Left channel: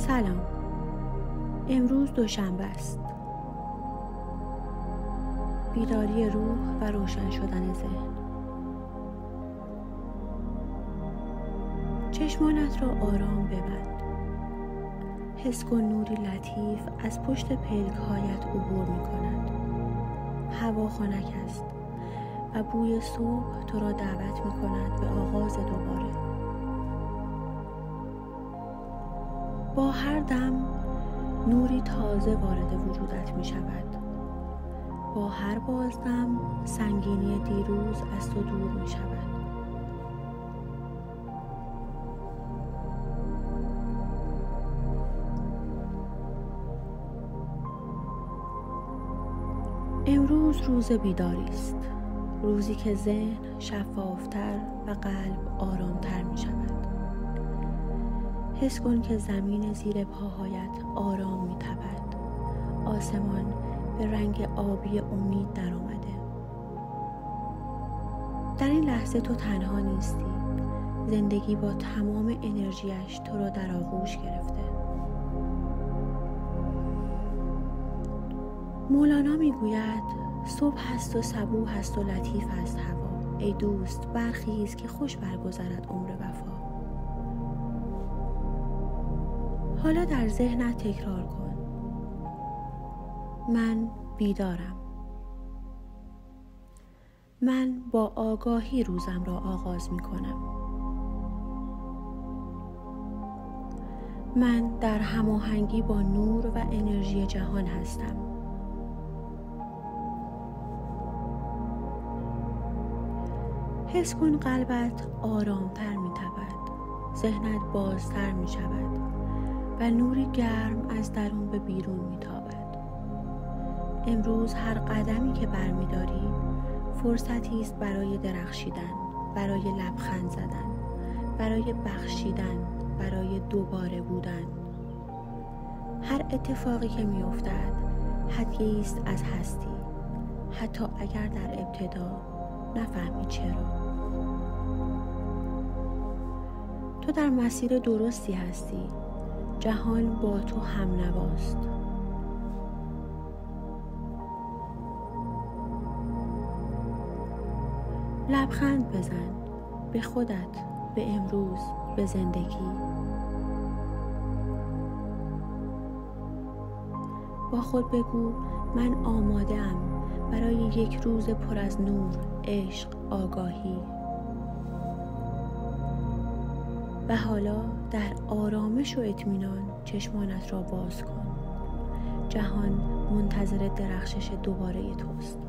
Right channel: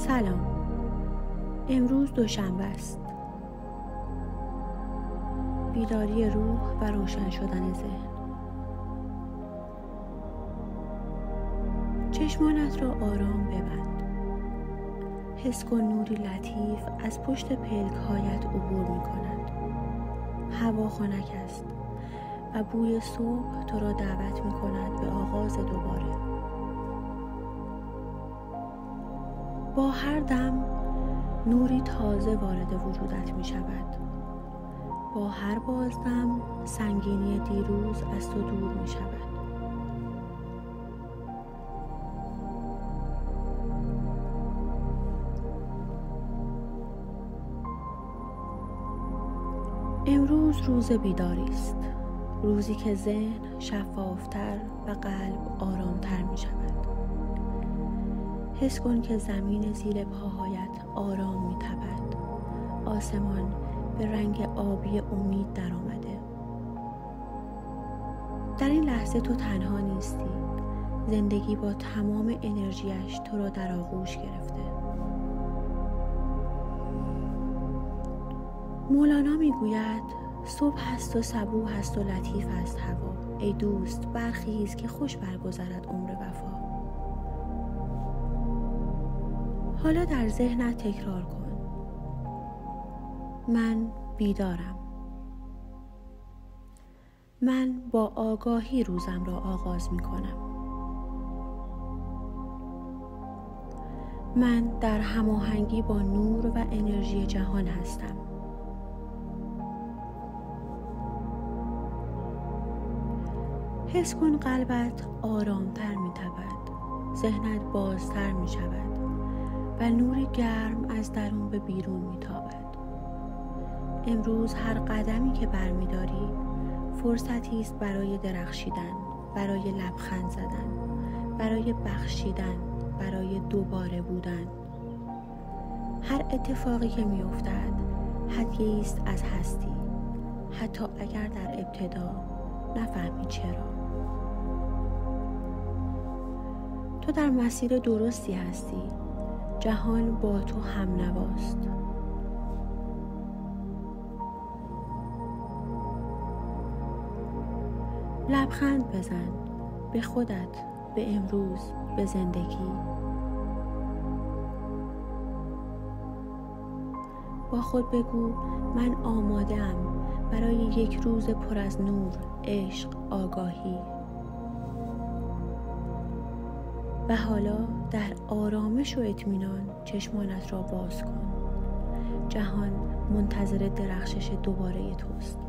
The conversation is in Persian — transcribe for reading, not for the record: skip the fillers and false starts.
سلام. امروز دوشنبه است. بیداری روح و روشن شدن ذهن. چشمانت را آرام ببند. حس کن نوری لطیف از پشت پلک‌هایت عبور می‌کند. هوا خنک است و بوی صبح تو را دعوت می‌کند به آغاز دوباره. با هر دم نوری تازه وارد وجودت می‌شود. با هر بازدم سنگینی دیروز از تو دور می‌شود. امروز روز بیداری است. روزی که ذهن شفافتر و قلب آرامتر می شود. حس کن که زمین زیر پاهایت آرام می تپد. آسمان به رنگ آبی امید در آمده. در این لحظه تو تنها نیستی. زندگی با تمام انرژیش تو را در آغوش گرفته. مولانا میگوید صبح است و صبوح است و لطیف است هوا. ای دوست برخیز که خوش برگذرد عمر وفا. حالا در ذهنت تکرار کن: من بیدارم. من با آگاهی روزم را آغاز می کنم. من در هماهنگی با نور و انرژی جهان هستم. حس کن قلبت آرامتر می تپد، ذهنت بازتر می شود و نوری گرم از درون به بیرون می تابد. امروز هر قدمی که برمی داری فرصتی است برای درخشیدن، برای لبخند زدن، برای بخشیدن، برای دوباره بودن. هر اتفاقی که می افتد هدیه‌ای است از هستی، حتی اگر در ابتدا نفهمی چرا. تو در مسیر درستی هستی. جهان با تو هم نواست. لبخند بزن به خودت، به امروز، به زندگی. با خود بگو من آماده ام برای یک روز پر از نور، عشق، آگاهی. و حالا در آرامش و اطمینان چشمانت را باز کن. جهان منتظر درخشش دوباره توست.